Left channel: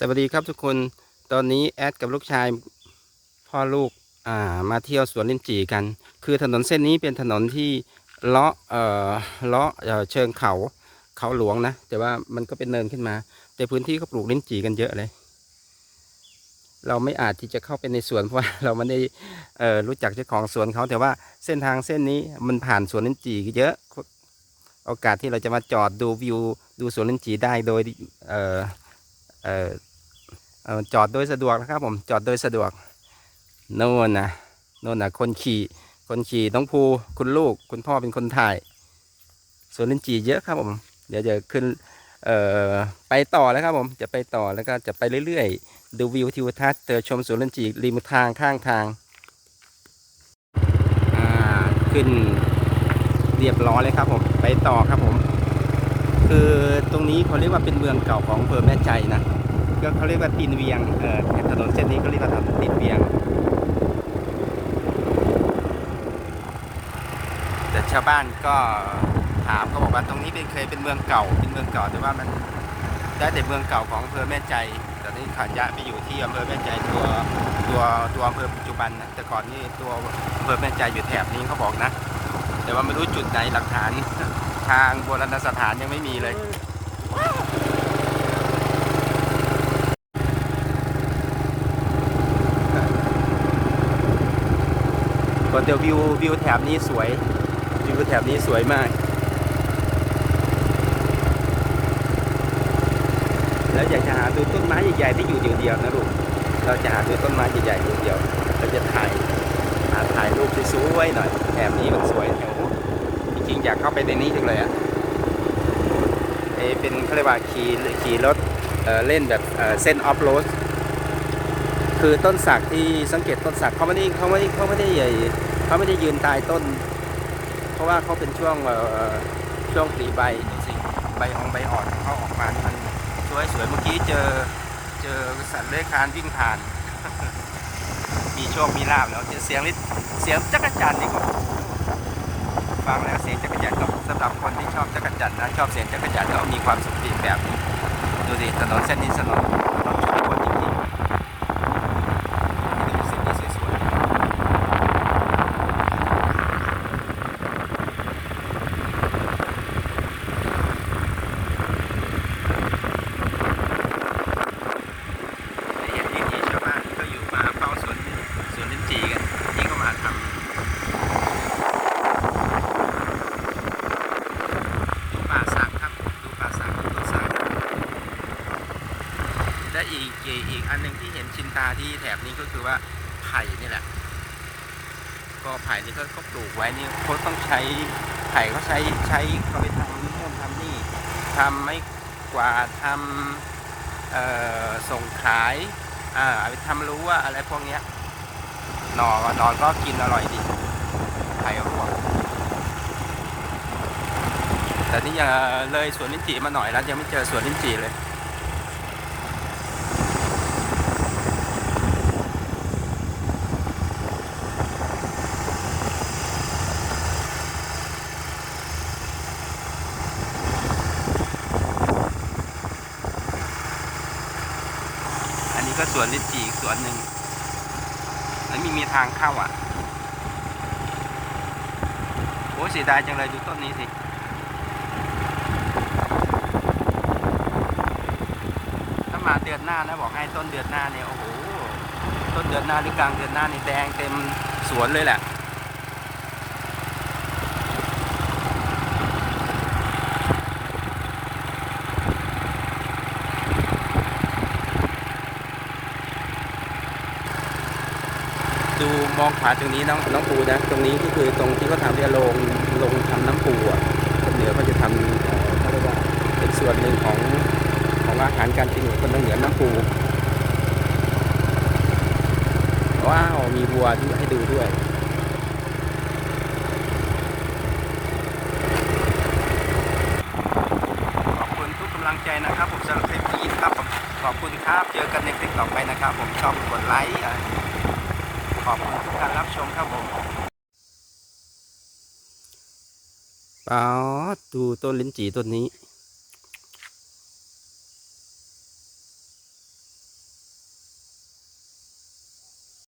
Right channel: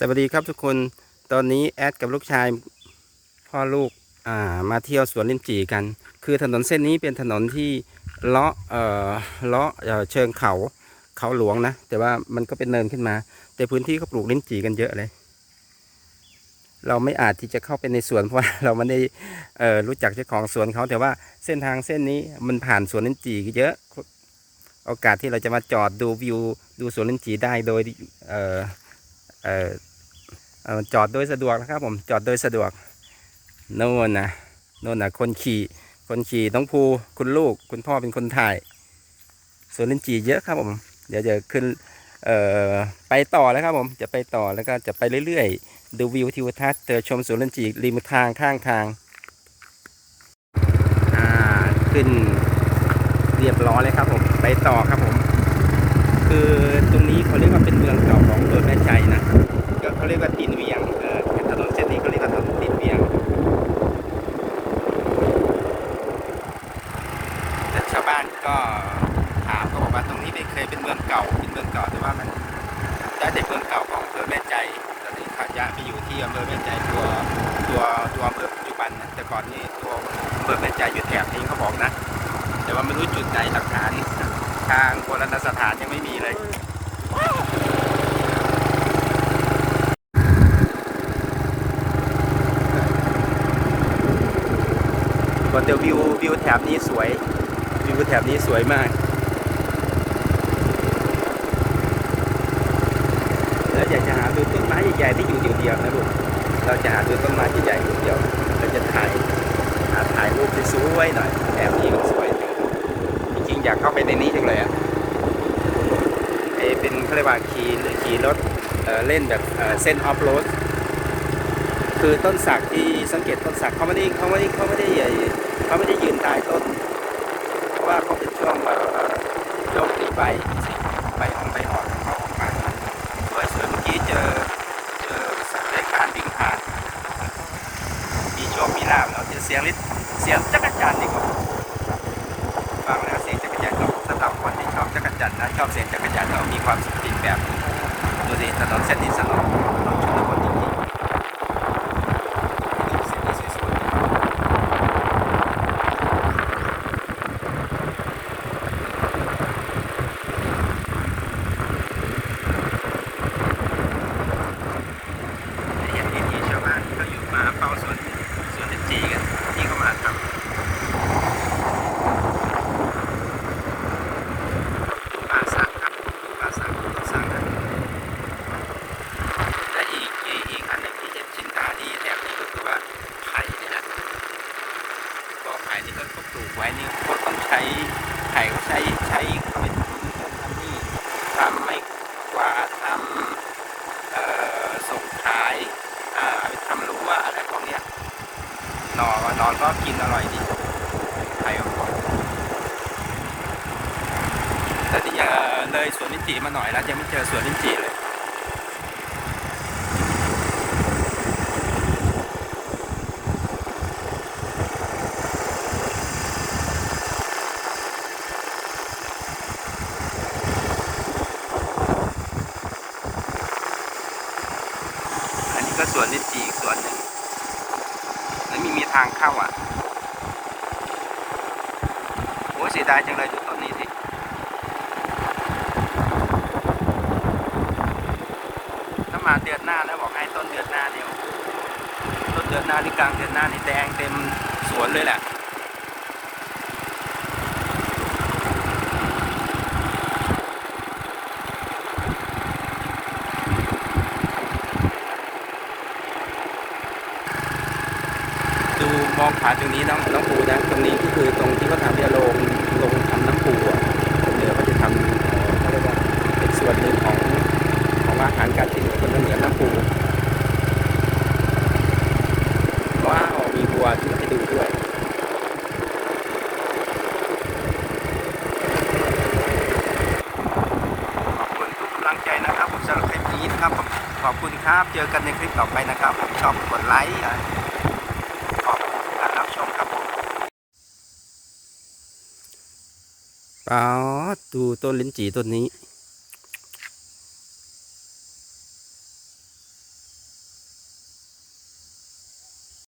สวัสดีครับทุกคนตอนนี้แอดกับลูกชายพ่อลูกอ่ามาเที่ยวสวนลิ้นจี่กัน คือถนนเส้นนี้เป็นถนนที่เลาะเอ่อเลาะเอ่อเชิงเขาเขาหลวงนะ แต่ว่ามันก็เป็นเนินขึ้นมา แต่พื้นที่เขาปลูกลิ้นจี่กันเยอะเลย เราไม่อาจที่จะเข้าไปในสวนเพราะว่าเราไม่ได้เอ่อรู้จักเจ้าของสวนเขาแต่ว่าเส้นทางเส้นนี้มันผ่านสวนลิ้นจี่เยอะโอกาสที่เราจะมาจอดดูวิวดูสวนลิ้นจี่ได้โดยเออเอ่อเอ่อ จอดโดยสะดวกนะครับผมจอดโดยสะดวกโน่นนะโน่นนะคนขี่ คนขี่น้องภูคุณลูก คุณพ่อเป็นคนถ่ายสวนลินจีเยอะครับผม เดี๋ยวจะขึ้นเอ่อไปต่อแล้วครับผมจะไปต่อแล้วก็จะไปเรื่อยๆ ดูวิวทิวทัศน์เจอชมสวนลินจีริมทางข้างทางอ่าขึ้นเรียบร้อยเลยครับผมไปต่อครับผม คือตรงนี้เขาเรียกว่าเป็นเมืองเก่าของอำเภอแม่ใจนะ เขาเรียกว่าตีนเวียงเอ่อถนนเส้นนี้เขาเรียกว่าถนนตีนเวียงแต่ชาวบ้านก็ถามเขาบอกว่าตรงนี้เป็นเคยเป็นเมืองเก่าเป็นเมืองเก่าแต่ว่ามันได้แต่เมืองเก่าของอำเภอแม่ใจแต่นี้ขาดย้ายไปอยู่ที่อำเภอแม่ใจตัวตัวตัวอำเภอปัจจุบันนะแต่ก่อนนี่ตัวอำเภอแม่ใจอยู่แถบนี้เขาบอกนะ แต่ว่าไม่รู้จุดไหนหลักฐานทางโบราณสถานยังไม่มีเลย ก็จะวิววิวแถบนี้สวย วิวแถบนี้สวยมาก แล้วอยากจะหาดูต้นไม้ใหญ่ๆที่อยู่เดียวๆนะลูก เราจะหาดูต้นไม้ใหญ่ๆเดียวๆเราจะถ่ายหาถ่ายรูปที่สวยหน่อยแถบนี้มันสวย จริงๆอยากเข้าไปในนี้จังเลยอะเอเป็นเขาเรียกว่าขี่ขี่รถเเล่นแบบเส้นออฟโรด คือต้นสักที่สังเกตต้นสักเขาไม่ได้เขาไม่ได้เขาไม่ได้ใหญ่เขาไม่ได้ยืนตายต้น เพราะว่าเขาเป็นช่วงช่อช่วงตีใบใบออกใบออกเขาออกมาสวยสวยเมื่อกี้เจอเจอสัตว์เลื้อยคลานวิ่งผ่านมีโชคมีลาบแล้วเสียงนิดเสียงจักรจันทร์นี่ครับฟังเสียงจักรจันทร์สำหรับคนที่ชอบจักรจันทร์นะชอบเสียงจักรจันทร์แล้วมีความสุขอีกแบบดูดิถนนเส้นนี้สนุกชนบทจริงๆ เส้นนี้สวยๆอย่างที่ชาวบ้านก็อยู่มาเฝ้าสวนสวนลิ้นจีกันนี่ก็มาทำดูป่าสักครับดูป่าสักดูต้นสักครับและอีกอีกอีกอันหนึ่งที่เห็นชินตา ที่แถบนี้ก็คือว่าไผ่นี่แหละก็ไผ่นี่ก็เขาปลูกไว้เนี่ยเขาต้องใช้ไผ่เขาใช้ใช้เขาไปทำนู่นทำนี่ทำไม่กว่าดทำเอ่อส่งขายอ่าเอาไปทำรู้ว่าอะไรพวกเนี้ยหนอหนอนก็กินอร่อยดีไผ่ของคนแต่ที่เลยสวนลิ้นจี่มาหน่อยแล้วยังไม่เจอสวนลิ้นจี่เลย ก็สวนลิจีอีกสวนหนึ่งแล้วมีมีทางเข้าอะโอ้เสียดายจังเลยดูต้นนี้สิถ้ามาเดือนหน้าแล้วบอกให้ต้นเดือนหน้าเนี่ยโอ้โหต้นเดือนหน้าหรือกลางเดือนหน้านี่แดงเต็มสวนเลยแหละ มองขาตรงนี้น้องน้องปูนะตรงนี้ก็คือตรงที่เขาทำเนี่ยโรงโรงทำน้ำปูอะคนเหนือเขาจะทำเขาเรียกว่าเป็นส่วนหนึ่งของของอาหารการกินของคนเหนือน้ำปูว้าวมีบัวที่ให้ดูด้วยขอบคุณทุกกำลังใจนะครับผมสำหรับคลิปนี้นะครับขอบคุณครับเจอกันในคลิปต่อไปนะครับ ผมชอบกดไลค์ ขอบคุณทุกการรับชมครับผมป๋าดูต้นลิ้นจี่ต้นนี้